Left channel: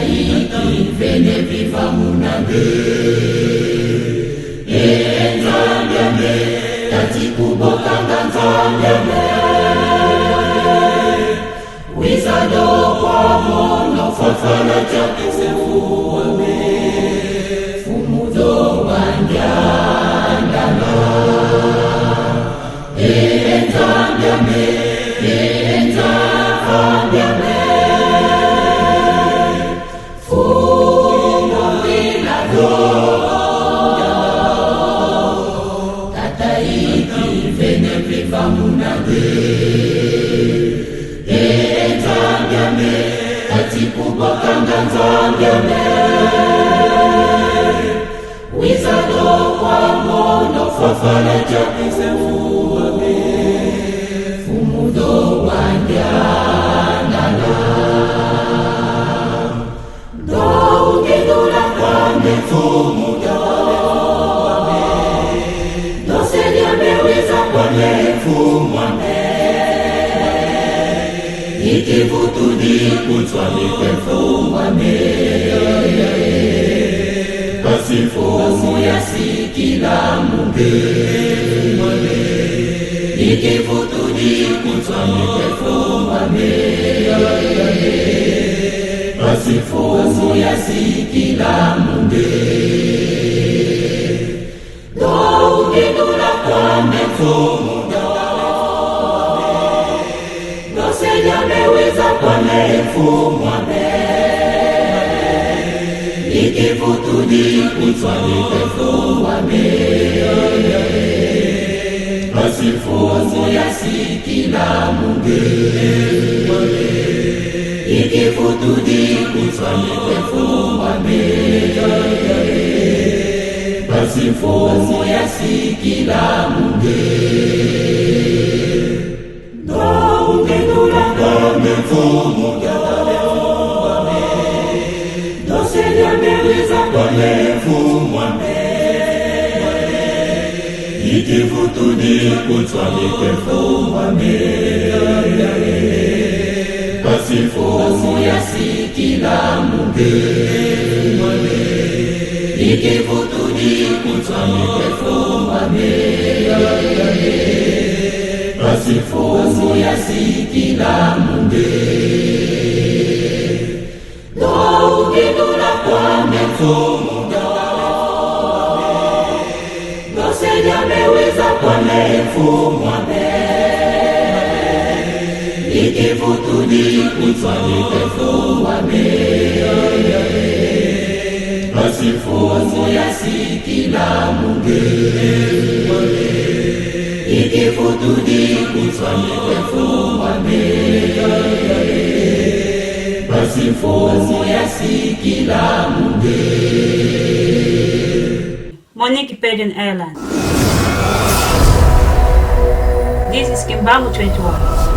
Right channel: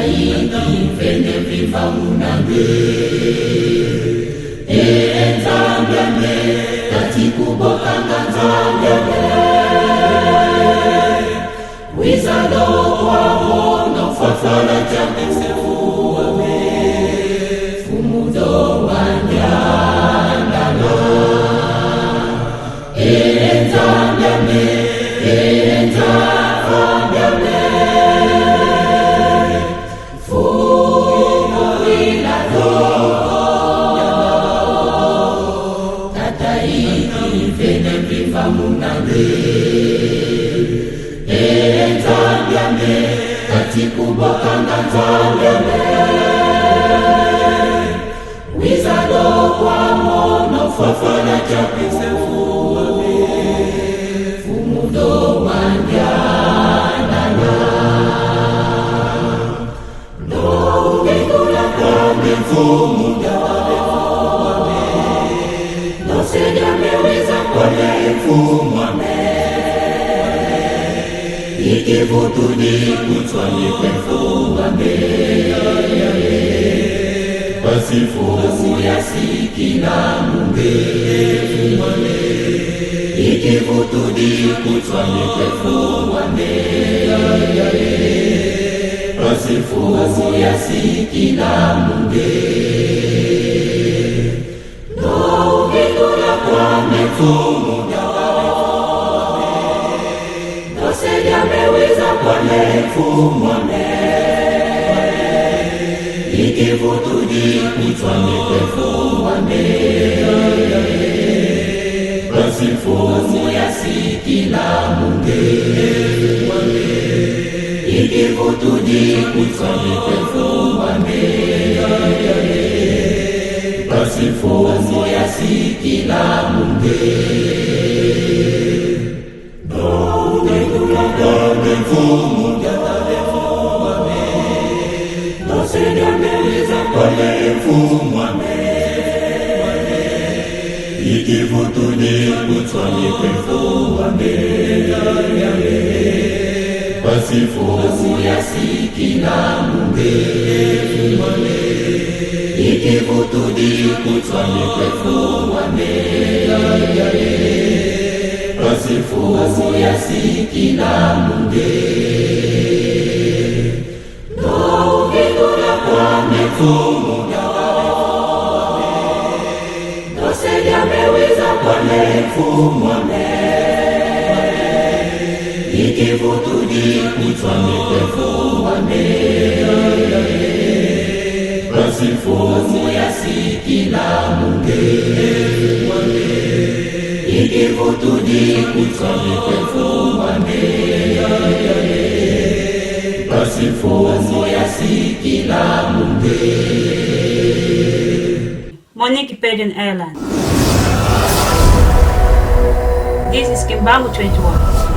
hiki venye vifamunage enzambyambe tatikubokanganzambyambe wizado kwamo nofafala chambisefuame fumudo wanjandana enzambyambe enzambyambe Famunage enzambyambe atikubokanganzambyambe wizado kwamo nofafala chambisefuame fumudo wanjanana no ungedula kwange mfumu jatalefuame no sediameweza kwale mfumame ikivutudi kutwali kwefumame pasifumu yasikila munge fumame ikivutudi kutwali kwefumame pasifumu yasikila munge no ungedula kwame mfumu jatalefuame no sediameweza kwale mfumame ikivutudi kutwali kwefumame pasifumu yasikila munge ikivutudi kutwali kwefumame pasifumu yasikila munge no ungedula kwame mfumu jatalefuame no sediameweza kwale mfumame ikivutudi kutwali kwefumame pasifumu yasikila munge ikivutudi kutwali kwefumame pasifumu yasikila munge no ungedula kwame mfumu jatalefuame no sediameweza kwale mfumame ikivutudi kutwali kwefumame pasifumu yasikila munge ikivutudi kutwali kwefumame pasifumu yasikila munge. Monique Pagan Airline. This is Kimbangu 21.